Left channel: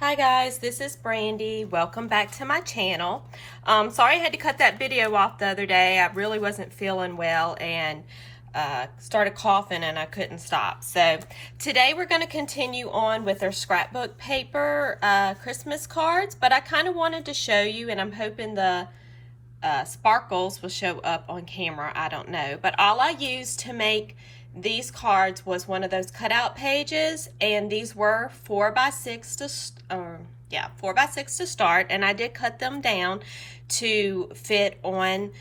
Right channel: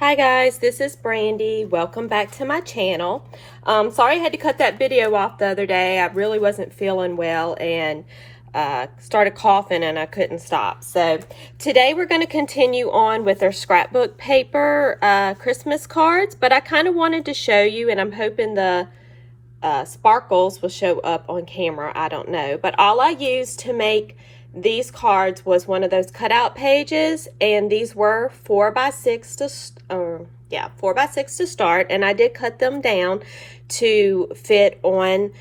Hi guys, this is Brandy. Welcome back to my channel. Sorry I had to cut that video off the other day. I really wasn't feeling well and started coughing and I couldn't stop. So today we're going to continue on with our scrapbook paper Christmas cards, but I kind of wanted to show you, and I'm hoping the sparkles will show up on camera. I don't know, but all I used to make these cards was one of those cutout pages, and these were 4x6 to 4x6 to start, and I did cut them down to fit on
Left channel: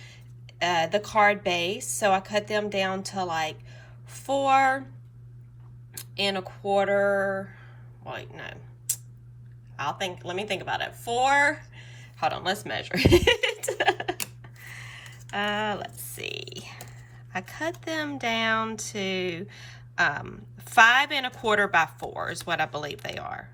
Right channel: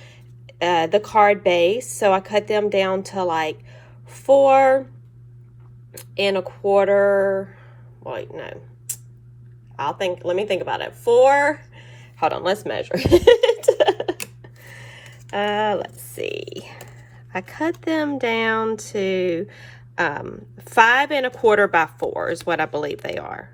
the card base. So I cut them down to like 4 1/4. Wait, no, let me think about it. Hold on, let's measure it. Let's see. I cut them down to 5 1/4 by 4 is what I believe they are.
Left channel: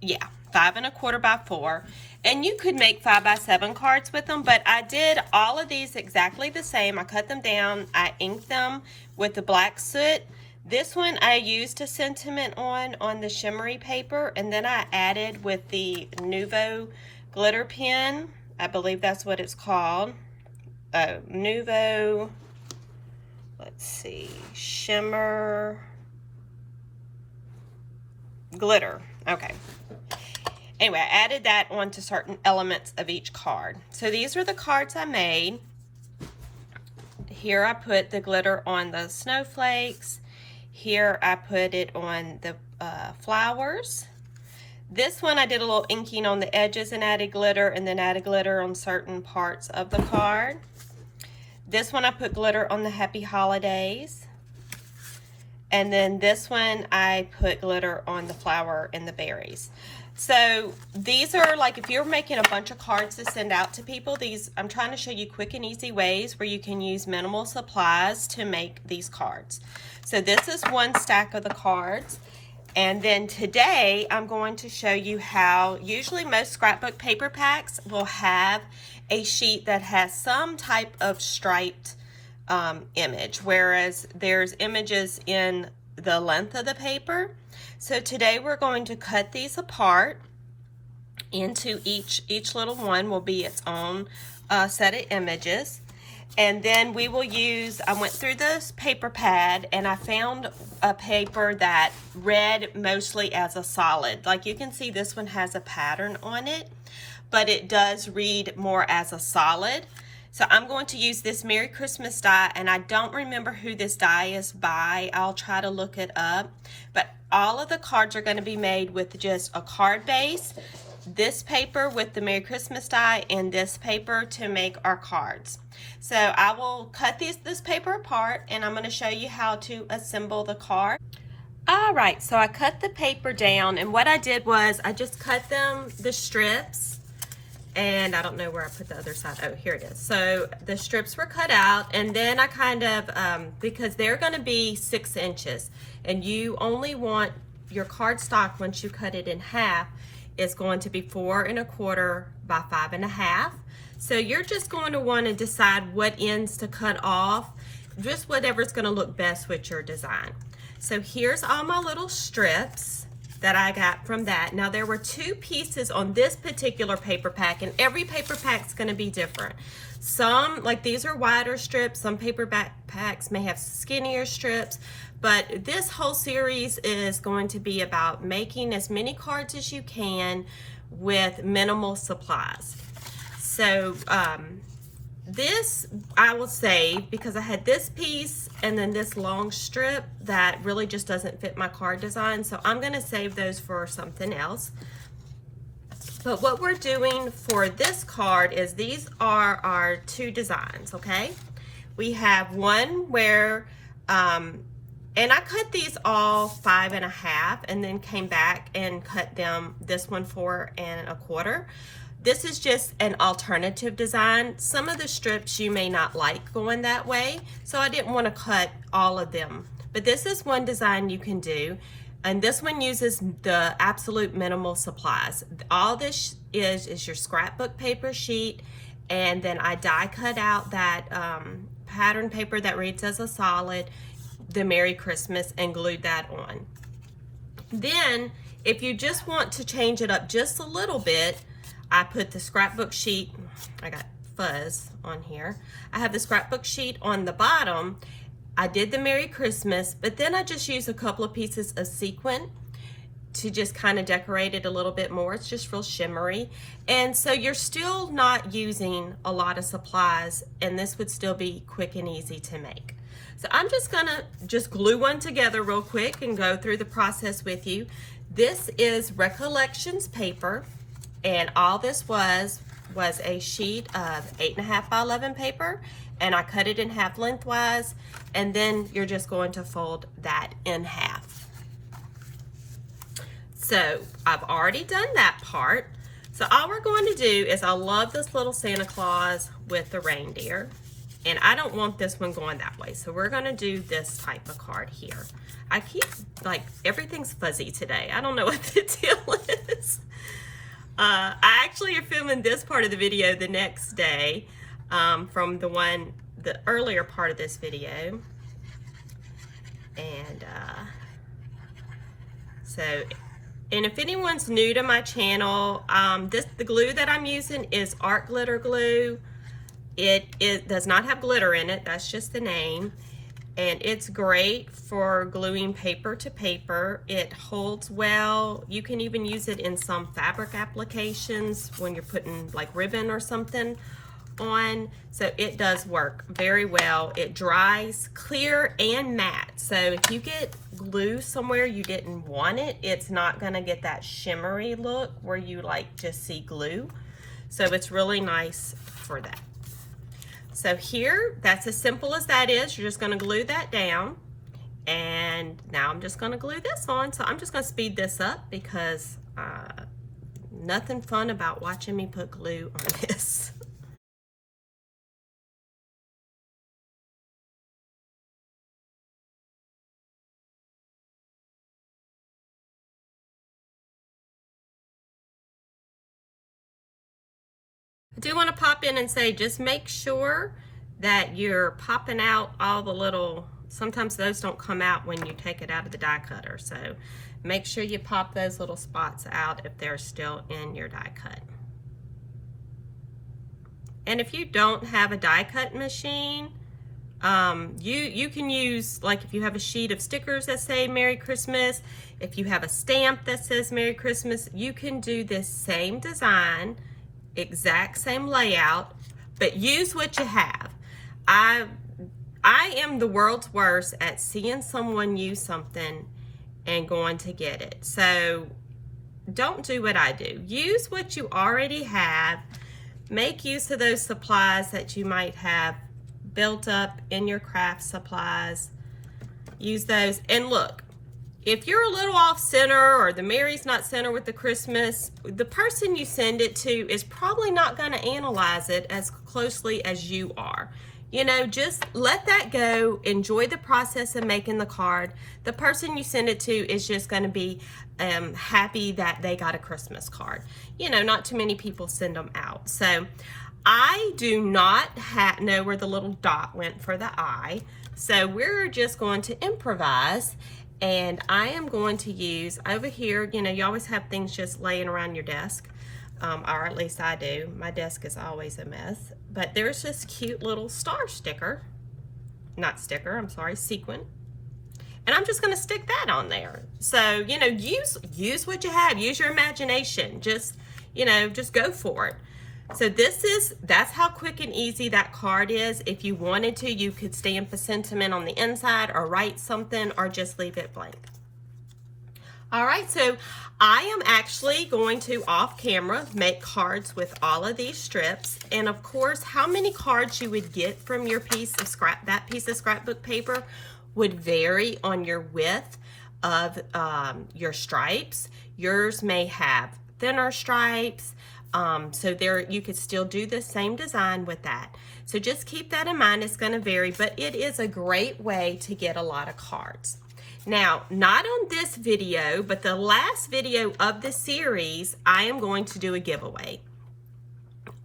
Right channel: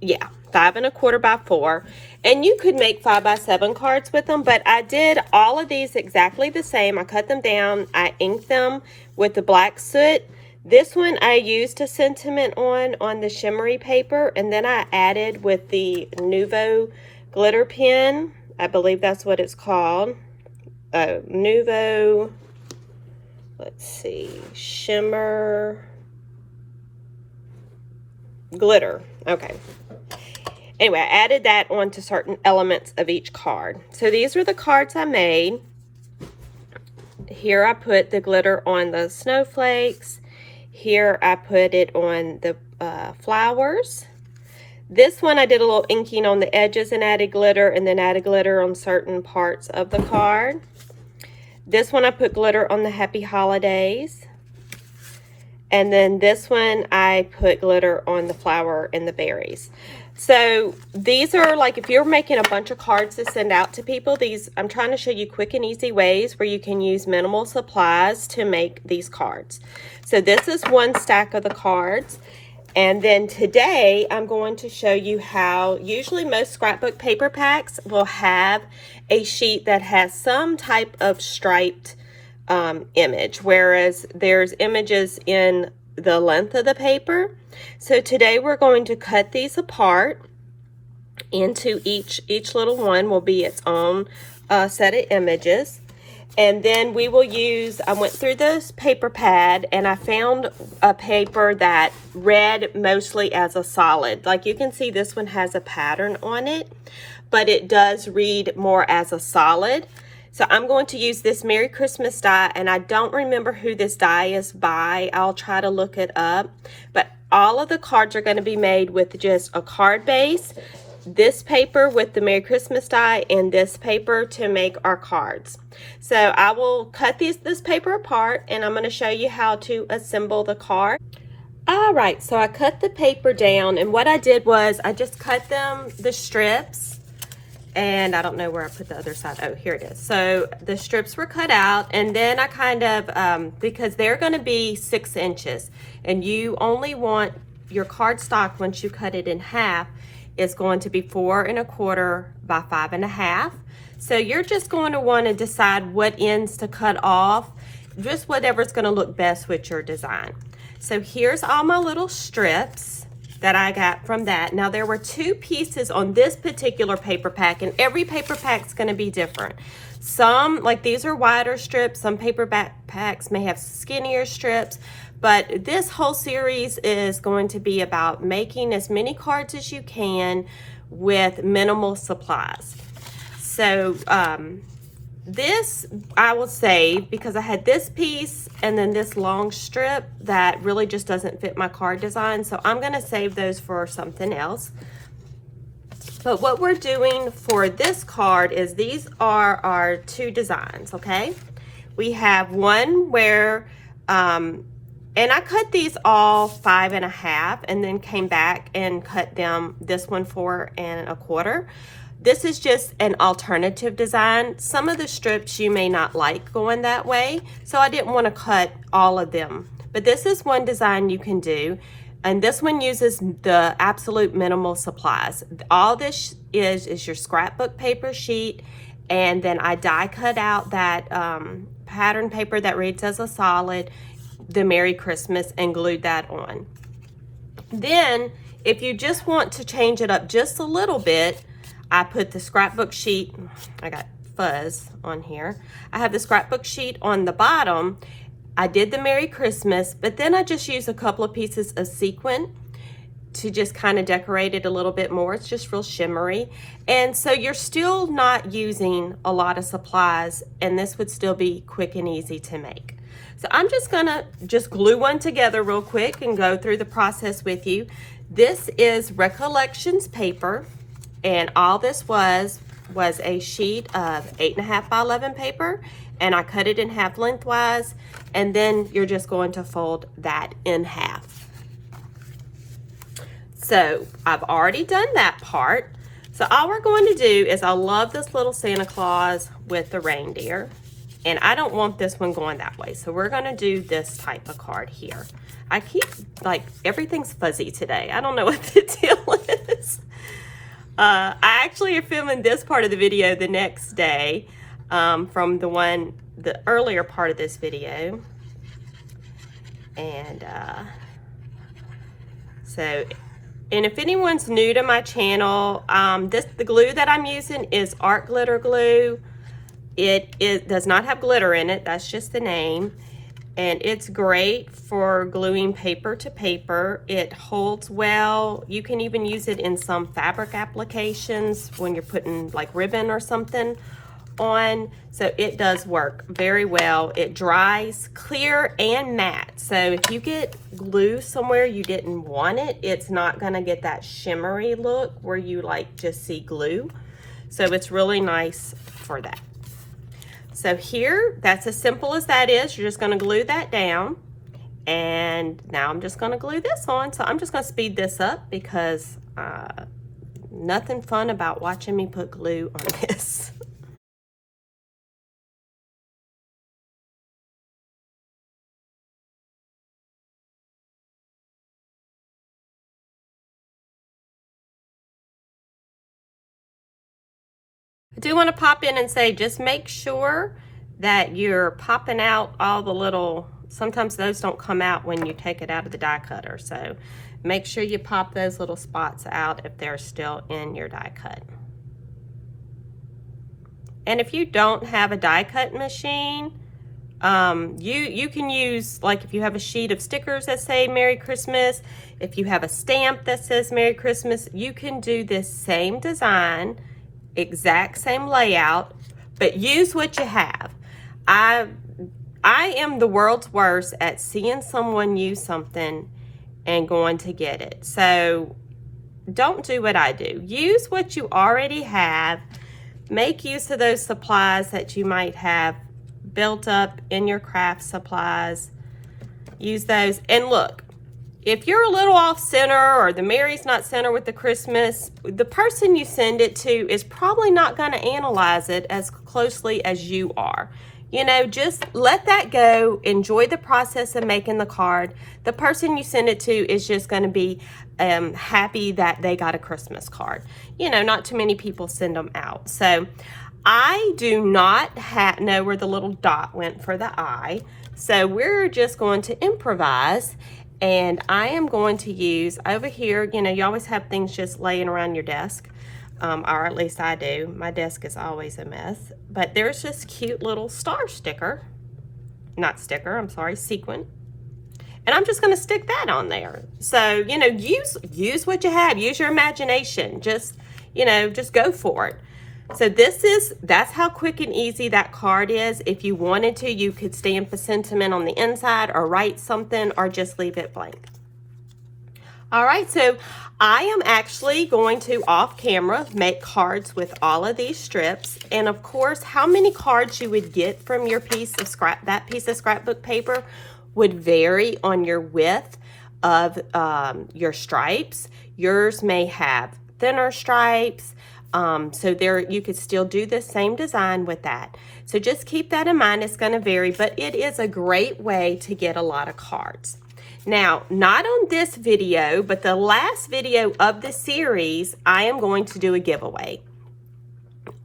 Yeah, 5 1/4 by 4. And you could make 5x7 cards with them, but I did all of these exactly the same. I cut them down, I inked them with the black soot. This one I used a sentiment on the shimmery paper, and then I added with the Nuvo glitter pen. I believe that's what it's called. Nuvo, let's see, shimmer glitter. Okay. Anyway, I added that onto certain elements of each card. So these are the cards I made. Here I put the glitter on the snowflakes. Here I put it on the flowers. This one I did a little inking on the edges and added glitter, and then added glitter on certain parts of the card. This one I put glitter on the happy holidays. And then this one I put glitter on the flower and the berries. So these are like, if you're making a bunch of cards to send out to people, I'm trying to show you quick and easy ways where you can use minimal supplies to make these cards. So this is one stack of the cards. And then today I'm going to show you how, usually most scrapbook paper packs will have a sheet that has some type of striped image, whereas there's images in the length of the paper. So today we're going to cut these apart into each little one will be its own set of images. And then we will use, I went through this paper pad and I found a paper that read mostly as a solid. Like you can see, this one has a pattern on it, but it does read more as a solid. So I'm going to use this Merry Christmas die, and I don't remember who this die is by. I'll try to look it up. But all of the cards are going to be made with just a card base, this paper with the Merry Christmas die, and this paper to make our cards. So I will cut this paper apart, and I'm going to show you how to assemble the card. All right, so I cut the paper down, and what I did was I just cut the strips, and I don't know where I put the other side. Oh, here it is. So the strips were cut out, and then I kind of, because they're going to be 6 inches, and you only want your cardstock, once you cut it in half, is going to be 4 1/4 by 5 1/2. So you're just going to want to decide what ends to cut off, just whatever's going to look best with your design. So here's all my little strips that I got from that. Now there were 2 pieces on this particular paper pack, and every paper pack's going to be different. Some, like these are wider strips, some paper packs may have skinnier strips, but this whole series is going to be about making as many cards as you can with minimal supplies. So this I will save because I had this piece and then this long strip that really just doesn't fit my card design. So I'm going to save those for something else. But what we're doing for this card is these are our 2 designs, okay? We have one where, and I cut these all 5 1/2 and then came back and cut them, this one 4 1/4. This is just an alternative design. Some of the strips you may not like going that way, so I didn't want to cut all of them. But this is one design you can do, and this one uses the absolute minimal supplies. All this is your scrapbook paper sheet, and then I die cut out that pattern paper that reads as a solid, the Merry Christmas, and glued that on. Then, if you just want to change it up just a little bit, I put the scrapbook sheet, I got fuzz on here. I have the scrapbook sheet on the bottom. I did the Merry Christmas, but then I just used a couple of pieces of sequin to just kind of decorate it a little bit more. It's just real shimmery. And so you're still not using a lot of supplies, and this would still be quick and easy to make. So I'm just gonna glue one together real quick and go through the process with you. This is Recollections paper, and all this was a sheet of 8.5 by 11 paper, and I cut it in half lengthwise, and then you're just going to fold that in half. So I've already done that part. So all we're going to do is, I love this little Santa Claus with the reindeer, and I don't want this one going that way. So we're going to do this type of card here. I keep, like, everything's fuzzy today. I don't know what the deal is. I actually am filming this part of the video the next day from the earlier part of this video. And and if anyone's new to my channel, the glue that I'm using is art glitter glue. It does not have glitter in it, that's just the name. And it's great for gluing paper to paper. It holds well. You can even use it in some fabric applications when you're putting like ribbon or something on. So it does work very well. It dries clear and matte. So if you get glue somewhere you didn't want it, it's not gonna get that shimmery look where you like just see glue. So it's really nice for that. So here, that's as simple as that is. You're just gonna glue that down. And now I'm just gonna glue this on. So I'm just gonna speed this up because nothing fun about watching me put glue on this. I do want to pop in and say, just make sure that you're popping out all the little, sometimes those don't come out when you take it out of the die cutter. So make sure you pop those little spots out if they're still in your die cut. And if you don't have a die cut machine, you can use, like if you have a sheet of stickers that say Merry Christmas, if you have a stamp that says Merry Christmas, you can do this same design, exact same layout, but use what you have. I am the world's worst at seeing someone use something and going to get it. So don't do what I do. Use what you already have. Make use of those supplies that you might have built up in your craft supplies. Use those. And look, if you're a little off center or the Mary's not center with the Christmas, the person you send it to is probably not going to analyze it as closely as you are. You know, just let that go. Enjoy the process of making the card. The person you send it to is just going to be happy that they got a Christmas card. You know, not too many people send them out. So I do not know where the little dot went for the eye. So we're just going to improvise. And I am going to use over here, you know, you always have things just laying around your desk, or at least I do. My desk is always a mess. But there's this cute little star sticker, not sticker, I'm sorry, sequin. And I'm just gonna stick that on there. So, you know, use what you have, use your imagination. Just, you know, just go for it. So that's how quick and easy that card is. If you wanted to, you could stamp a sentiment on the inside or write something or just leave it blank. All right, so I am actually going to, off camera, make cards with all of these strips. And of course, how many cards you would get from your piece of that piece of scrapbook paper would vary on your width of your stripes. Yours may have thinner stripes. So there, you could still do the same design with that. So just keep that in mind. It's going to vary, but it is a great way to get a lot of cards. Now, not on this video, but the last video of the series, I am going to do a giveaway.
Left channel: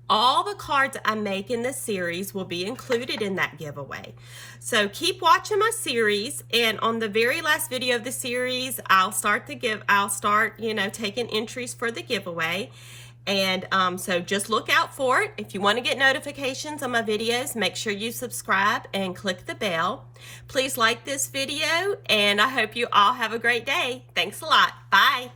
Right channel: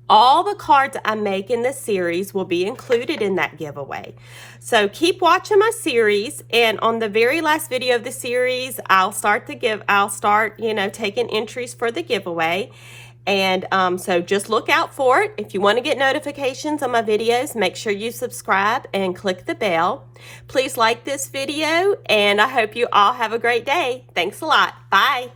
all the cards I make in this series will be included in that giveaway. So keep watching my series, and on the very last video of the series, I'll start taking entries for the giveaway. And so just look out for it. If you want to get notifications on my videos, make sure you subscribe and click the bell. Please like this video, and I hope you all have a great day. Thanks a lot. Bye.